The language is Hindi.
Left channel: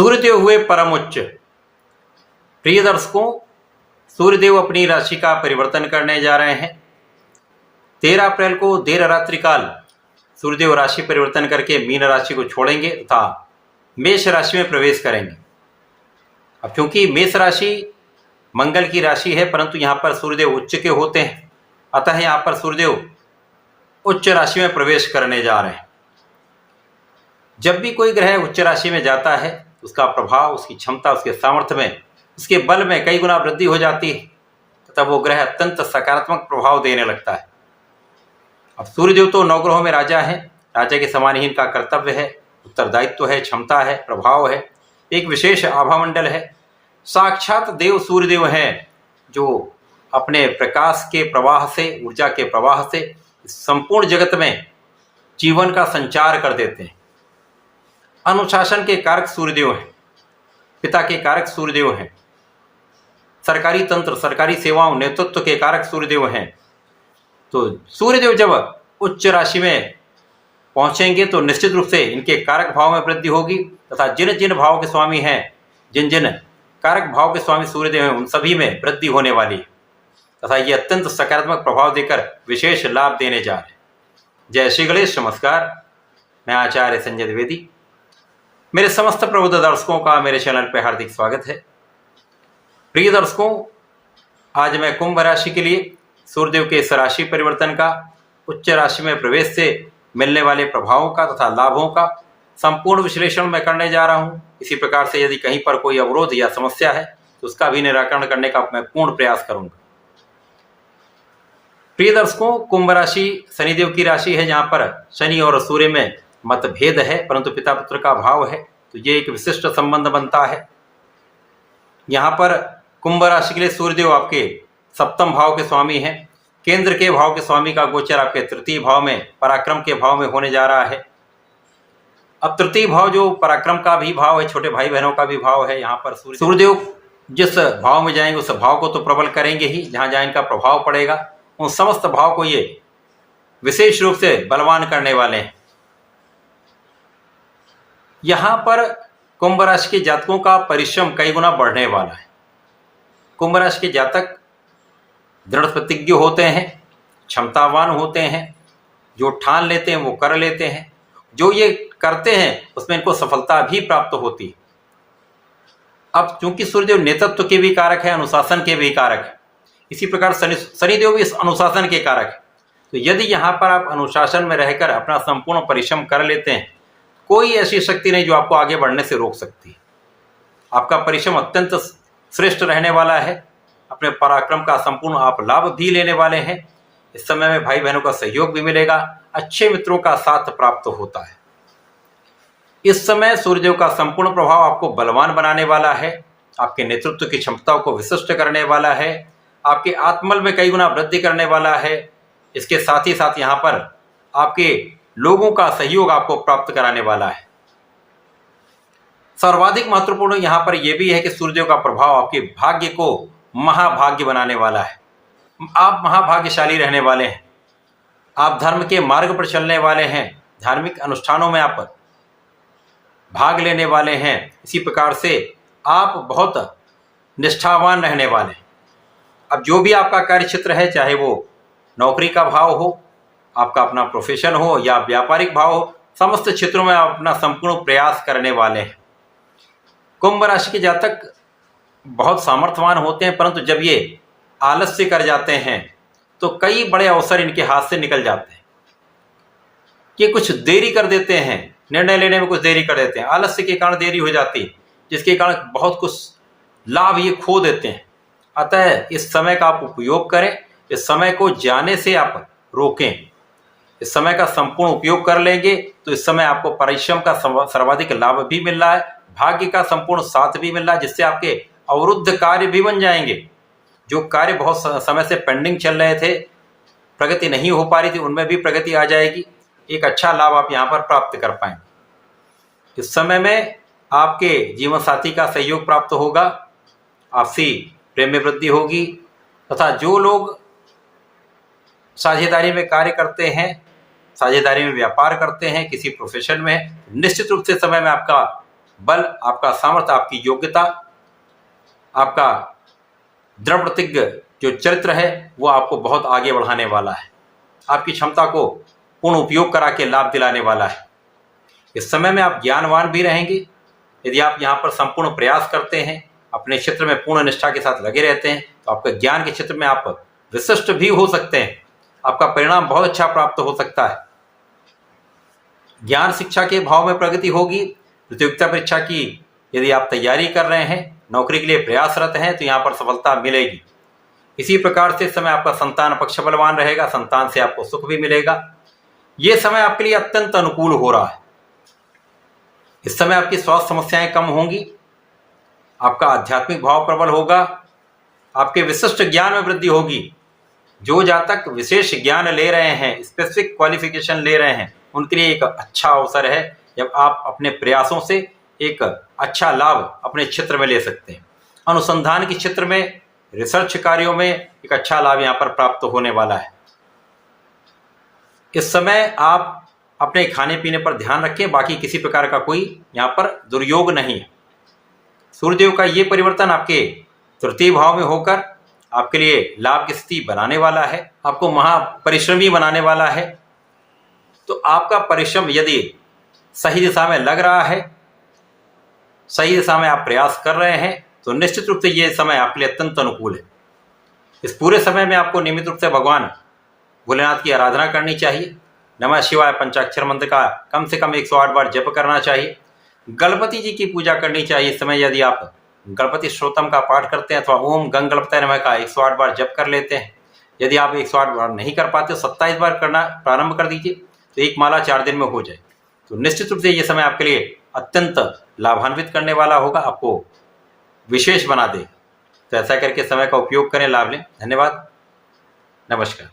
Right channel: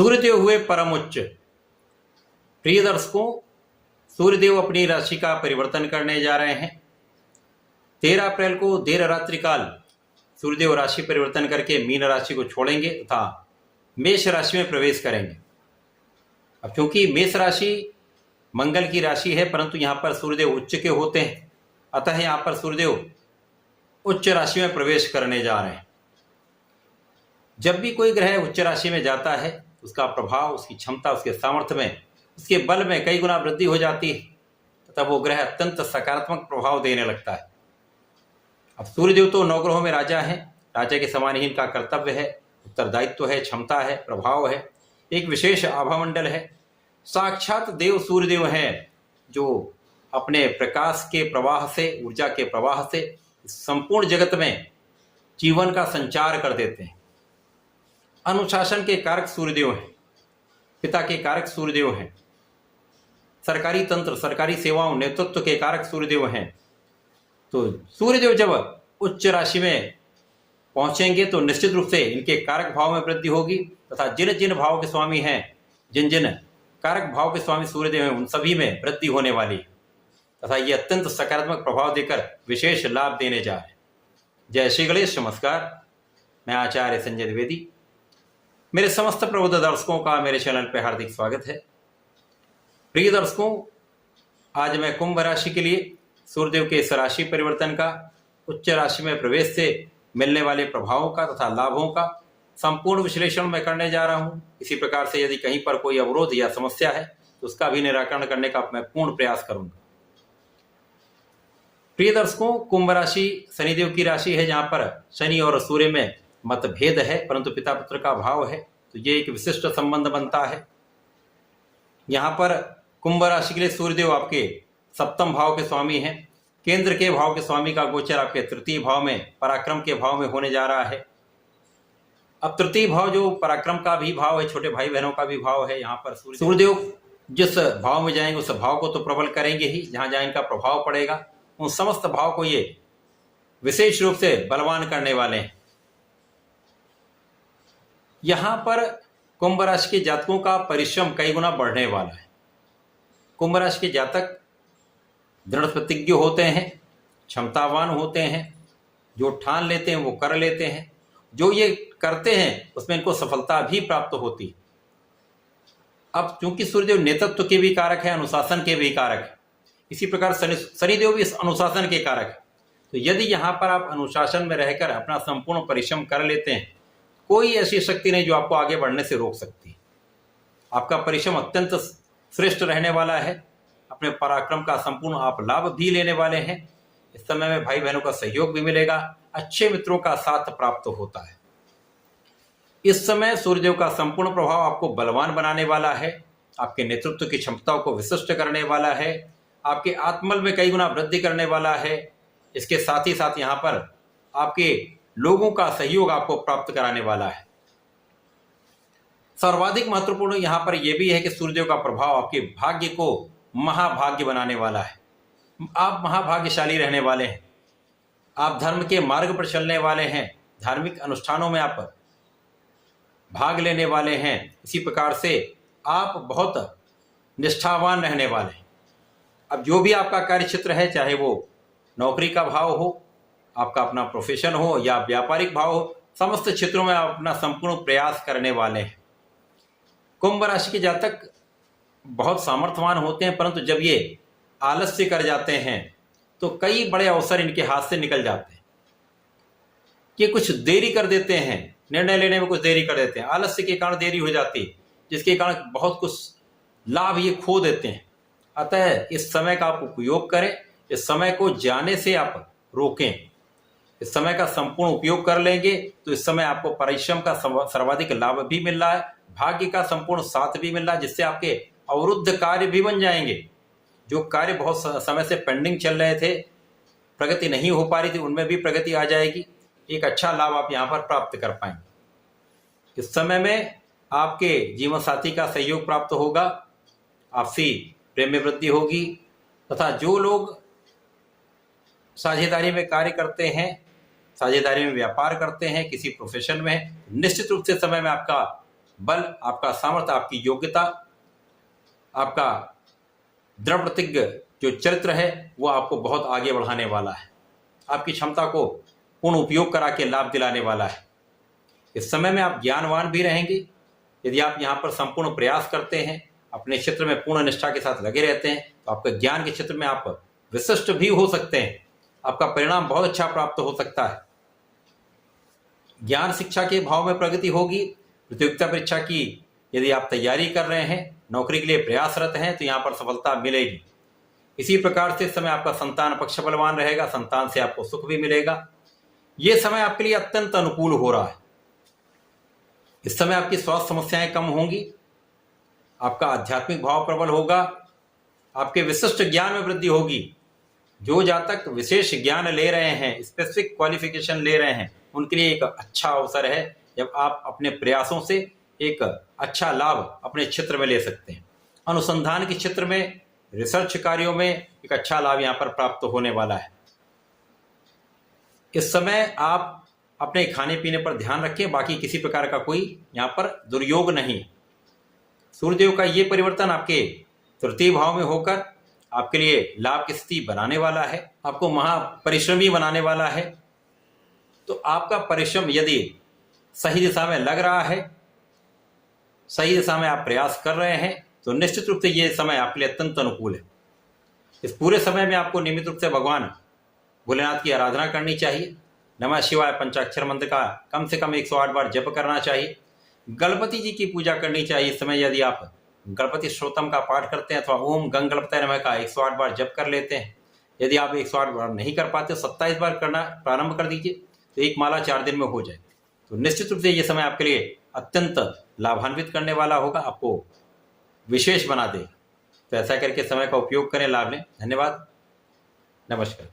सूर्यदेव हुए परम उच्च। प्रिय दर्शकों, सूर्यदेव अपनी राशि का परिवर्तन करने जा रहे हैं। 13 अप्रैल को देर रात्रि काल सूर्यदेव राशि परिवर्तन करके मीन राशि को छोड़ेंगे तथा मेष राशि में प्रवेश करेंगे। अब क्योंकि मेष राशि मंगल की राशि है, परंतु यहाँ पर सूर्यदेव उच्च के होते हैं, अतः यहाँ पर सूर्यदेव उच्च राशि में प्रवेश करने जा रहे हैं। जब भी कोई ग्रह उच्च राशि में जाता है, उसका प्रभाव, उसकी क्षमता, उसके सामर्थ्य में, उसके बल में कई गुना वृद्धि हो जाती है तथा वो ग्रह अत्यंत सकारात्मक प्रभाव देने लगता है। अब सूर्यदेव तो नवग्रहों में राजा है, राजा के समान ही इनका कर्तव्य है, उत्तरदायित्व है, क्षमता है, प्रभाव है, एक विशेष आभामंडल है। साक्षात देव सूर्यदेव हैं जो अपने प्रकाश के प्रवाह से, ऊर्जा के प्रवाह से संपूर्ण जगत में जीवन का संचार कर देते हैं। अनुशासन के कारक सूर्यदेव हैं, पिता के कारक सूर्यदेव हैं, सरकारी तंत्र, सरकारी सेवाओं, नेतृत्व के कारक सूर्यदेव हैं। तो सूर्यदेव जब उच्च राशि में पहुंचेंगे तो निश्चित रूप से इनके कारक भाव में वृद्धि होगी तथा जिन जिन भाव के स्वामी हैं, जिन जिन कारक भाव के स्वामी सूर्यदेव हैं, उन सभी में वृद्धि होने वाली है तथा ये अत्यंत सकारात्मक प्रभाव देकर विशेष लाभ देने जा रहे हैं। जय श्री गणेश। नमस्कार, मैं आचार्य संजय द्विवेदी। मेरे समस्त प्रबुद्ध दर्शकों का मेरे चैनल पर हार्दिक स्वागत है। प्रिय दर्शकों, आज मैं कुंभ राशि के लिए सूर्यदेव के इस राशि परिवर्तन का, उच्च राशि में प्रवेश से मिलने वाले प्रभावों का तथा लाभों का संपूर्ण विश्लेषण मैं करने जा रहा हूं। इसी प्रकार से यदि कहीं पर कोई अवरोध या समस्या है तो उसका भी निराकरण करने का मैं पूर्ण प्रयास करूंगा। प्रिय दर्शकों, कुंभ राशि शनिदेव की राशि है, जहां पर शनि और सूर्य में मतभेद है, परंतु पिता पुत्र का भाव है, तो ये एक विशिष्ट संबंध बनता है। यहाँ पर कुंभ राशि के लिए सूर्यदेव आपके सप्तम भाव के स्वामी हैं। केंद्र के भाव के स्वामी का गोचर आपके तृतीय भाव में, पराक्रम के भाव में होने जा रहा है। अब तृतीय भाव जो पराक्रम का भी भाव है, छोटे भाई बहनों का भी भाव है, यहाँ पर सूर्यदेव जिस भाव में जाएंगे उस भाव को तो प्रबल करेंगे ही, जहाँ जहाँ इनका प्रभाव पड़ेगा उन समस्त भाव को ये विशेष रूप से बलवान करने वाले हैं। यहाँ पर कुंभ राशि के जातकों का परिश्रम कई गुना बढ़ने वाला है। कुंभ राशि के जातक दृढ़ प्रतिज्ञ होते हैं, क्षमतावान होते हैं, जो ठान लेते हैं वो कर लेते हैं, जो ये करते हैं उसमें इनको सफलता भी प्राप्त होती है। अब चूंकि सूर्यदेव नेतृत्व के भी कारक है, अनुशासन के भी कारक है, इसी प्रकार शनिदेव भी इस अनुशासन के कारक है। तो यदि यहाँ पर आप अनुशासन में रहकर अपना संपूर्ण परिश्रम कर लेते हैं, कोई ऐसी शक्ति नहीं जो आपको आगे बढ़ने से रोक सकती है। आपका परिश्रम अत्यंत श्रेष्ठ रहने वाला है। अपने पराक्रम का संपूर्ण आप लाभ भी लेने वाले हैं। इस समय में भाई बहनों का सहयोग भी मिलेगा, अच्छे मित्रों का साथ प्राप्त होता है। इस समय सूर्यदेव का संपूर्ण प्रभाव आपको बलवान बनाने वाला है, आपके नेतृत्व की क्षमताओं को विशिष्ट करने वाला है, आपके आत्मबल में कई गुना वृद्धि करने वाला है। इसके साथ ही साथ यहाँ पर आपके लोगों का सहयोग आपको प्राप्त कराने वाला है। सर्वाधिक महत्वपूर्ण यहाँ पर यह भी है कि सूर्यदेव का प्रभाव आपके भाग्य को महाभाग्य बनाने वाला है। आप महाभाग्यशाली रहने वाले हैं। आप धर्म के मार्ग पर चलने वाले हैं, धार्मिक अनुष्ठानों में आप भाग लेने वाले हैं। इसी प्रकार से आप बहुत निष्ठावान रहने वाले हैं। अब जो भी आपका कार्य क्षेत्र है, चाहे वो नौकरी का भाव हो, आपका अपना प्रोफेशन हो या व्यापारिक भाव हो, समस्त क्षेत्रों में आप अपना संपूर्ण प्रयास करने वाले हैं। कुंभ राशि के जातक बहुत सामर्थ्यवान होते हैं, परंतु जब ये आलस्य कर जाते हैं तो कई बड़े अवसर इनके हाथ से निकल जाते हैं। ये कुछ देरी कर देते हैं, निर्णय लेने में कुछ देरी कर देते हैं, आलस्य के कारण देरी हो जाती है, जिसके कारण बहुत कुछ लाभ ये खो देते हैं। अतः इस समय का आप उपयोग करें, इस समय को जाने से आप रोकें। इस समय का संपूर्ण उपयोग कर लेंगे तो इस समय आपको परिश्रम का सर्वाधिक लाभ भी मिल रहा है, भाग्य का संपूर्ण साथ भी मिल रहा है, जिससे आपके अवरुद्ध कार्य भी बन जाएंगे। जो कार्य बहुत समय से पेंडिंग चल रहे थे, प्रगति नहीं हो पा रही थी, उनमें भी प्रगति आ जाएगी। एक अच्छा लाभ आप यहाँ पर प्राप्त कर पाएंगे। इस समय में आपके जीवन साथी का सहयोग प्राप्त होगा, आपसी प्रेम में वृद्धि होगी तथा जो लोग साझेदारी में कार्य करते हैं, साझेदारी में व्यापार करते हैं, किसी प्रोफेशन में, निश्चित रूप से समय में आपका बल, आपका सामर्थ्य, आपकी योग्यता, आपका दृढ़ प्रतिज्ञ जो चरित्र है वो आपको बहुत आगे बढ़ाने वाला है। आपकी क्षमता को पूर्ण उपयोग करा के लाभ दिलाने वाला है। इस समय में आप ज्ञानवान भी रहेंगे। यदि आप यहाँ पर संपूर्ण प्रयास करते हैं, अपने क्षेत्र में पूर्ण निष्ठा के साथ लगे रहते हैं, तो आपके ज्ञान के क्षेत्र में आप विशिष्ट भी हो सकते हैं। आपका परिणाम बहुत अच्छा प्राप्त हो सकता है। ज्ञान शिक्षा के भाव में प्रगति होगी। प्रतियोगिता परीक्षा की यदि आप तैयारी कर रहे हैं, नौकरी के लिए प्रयासरत हैं, तो यहाँ पर सफलता मिलेगी। इसी प्रकार से इस समय आपका संतान पक्ष बलवान रहेगा, संतान से आपको सुख भी मिलेगा। ये समय आपके लिए अत्यंत अनुकूल हो रहा है। इस समय आपकी स्वास्थ्य समस्याएं कम होंगी, आपका आध्यात्मिक भाव प्रबल होगा, आपके विशिष्ट ज्ञान में वृद्धि होगी। जो जातक विशेष ज्ञान ले रहे हैं, स्पेसिफिक क्वालिफिकेशन ले रहे हैं, उनके लिए एक अच्छा अवसर है जब आप अपने प्रयासों से एक अच्छा लाभ अपने क्षेत्र में ले सकते हैं। अनुसंधान के क्षेत्र में, रिसर्च कार्यों में एक अच्छा लाभ यहाँ पर प्राप्त होने वाला है। इस समय आप अपने खाने पीने पर ध्यान रखें, बाकी किसी प्रकार का कोई यहाँ पर दुर्योग नहीं है। सूर्यदेव का ये परिवर्तन आपके तृतीय भाव में होकर आपके लिए लाभ की स्थिति बनाने वाला है, आपको महापरिश्रमी बनाने वाला है। तो आपका परिश्रम यदि सही दिशा में लग रहा है, सही दिशा में आप प्रयास कर रहे हैं, तो निश्चित रूप से ये समय आपके लिए अत्यंत अनुकूल है। इस पूरे समय में आपको नियमित रूप से भगवान भोलेनाथ की आराधना करनी चाहिए। नमः शिवाय पंचाक्षर मंत्र का कम से कम 108 बार जप करना चाहिए। गणपति जी की पूजा करनी चाहिए। इस समय यदि आप गणपति श्रोतम का पाठ करते हैं अथवा ओम गंग गणपतये नमः का 108 बार जप कर लेते हैं, यदि आप 108 बार नहीं कर पाते तो 27 बार करना प्रारंभ कर दीजिए, तो एक माला 4 दिन में हो जाए। तो निश्चित रूप से ये समय आपके लिए अत्यंत लाभान्वित करने वाला होगा, आपको विशेष बना देगा। तो ऐसा करके समय का उपयोग करें, लाभ लें। धन्यवाद, नमस्कार।